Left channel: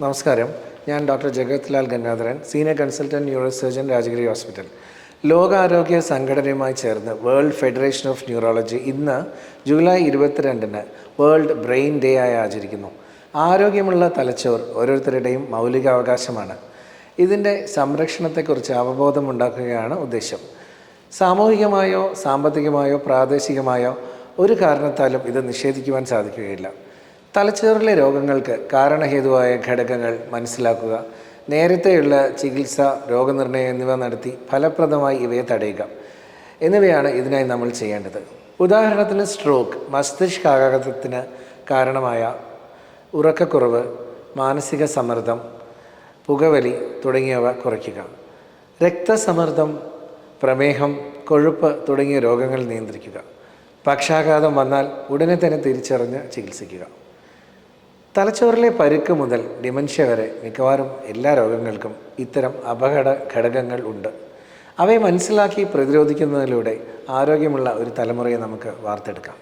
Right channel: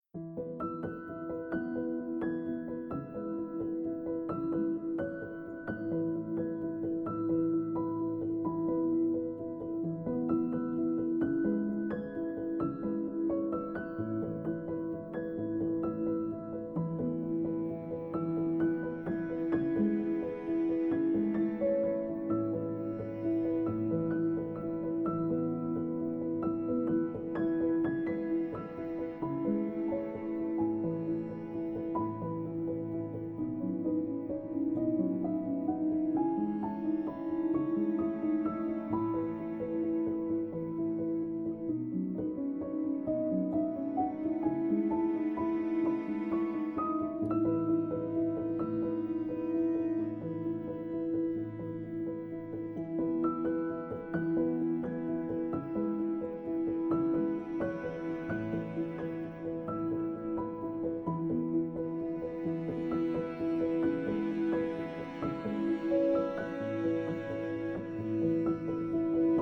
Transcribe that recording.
നമസ്കാരം. ഞാൻ doctor Jagath Lal Gangadharan, senior consultant neuro surgeon, Rajagiri hospital. ലോകാരോഗ്യ സംഘടനയുമായി ചേർന്ന് വേൾഡ് ഫെഡറേഷൻ ഓഫ് ന്യൂറോളജി ഇന്ന് ജൂലൈ 22-ന് വേൾഡ് ബ്രെയിൻ ഡേ ആയി ആചരിക്കുന്നു. ആരോഗ്യമുള്ള തലച്ചോർ ഓരോരുത്തരുടെയും മൗലികാവകാശമാണ്. ഇതിൻ്റെ സംരക്ഷണത്തെക്കുറിച്ച് അവബോധമുണ്ടാക്കുകയാണ് ഉദ്ദേശം. സാമൂഹികമായോ സാമ്പത്തികമായോ പ്രാദേശികമായോ ഒരു കാരണത്താലും ഇത് നിഷേധിക്കുവാൻ സാധിക്കുകയില്ല. തലച്ചോറിലെ രോഗങ്ങൾക്ക് കാരണഹേതുവായ ഘടകങ്ങൾ മനസ്സിലാക്കുക, നേരത്തെയുള്ള ചികിത്സ, രോഗനിർണയം എന്നിവ നടത്തി ഫലപ്രദമായി ഇവയെ തടയുക എന്നിവയാണ് ഇതിനായി നമ്മൾ ചെയ്യേണ്ടത്. ഉദാഹരണത്തിന് സ്ട്രോക്ക്, മസ്തിഷ്കാഘാതത്തിന് കാരണമായ ഉറക്കക്കുറവ്, മാനസിക സമ്മർദ്ദം, പുകവലി തുടങ്ങിയവ കുറയ്ക്കുക. രക്തസമ്മർദ്ദം, പ്രമേഹം, കൊഴുപ്പ് തുടങ്ങിയ രോഗങ്ങൾ നിയന്ത്രിക്കുക. പക്ഷാഘാതം വന്നാൽ ഉടനെ തന്നെ തിരിച്ചറിഞ്ഞ് ചികിത്സിക്കുക. തലച്ചോറിലെ പരുക്ക് മുതൽ ഡിമെൻഷ്യ വരെ മിക്കവാറും എല്ലാ രോഗങ്ങൾക്കും ഇത്തരം അപകട ഘടകങ്ങൾ ഉണ്ട്. അവയെ മനസ്സിലാക്കി പ്രതിരോധിക്കുന്നതിലൂടെ ആരോഗ്യമുള്ള ഒരു തലമുറയെ നമുക്ക് വാർത്തെടുക്കാം.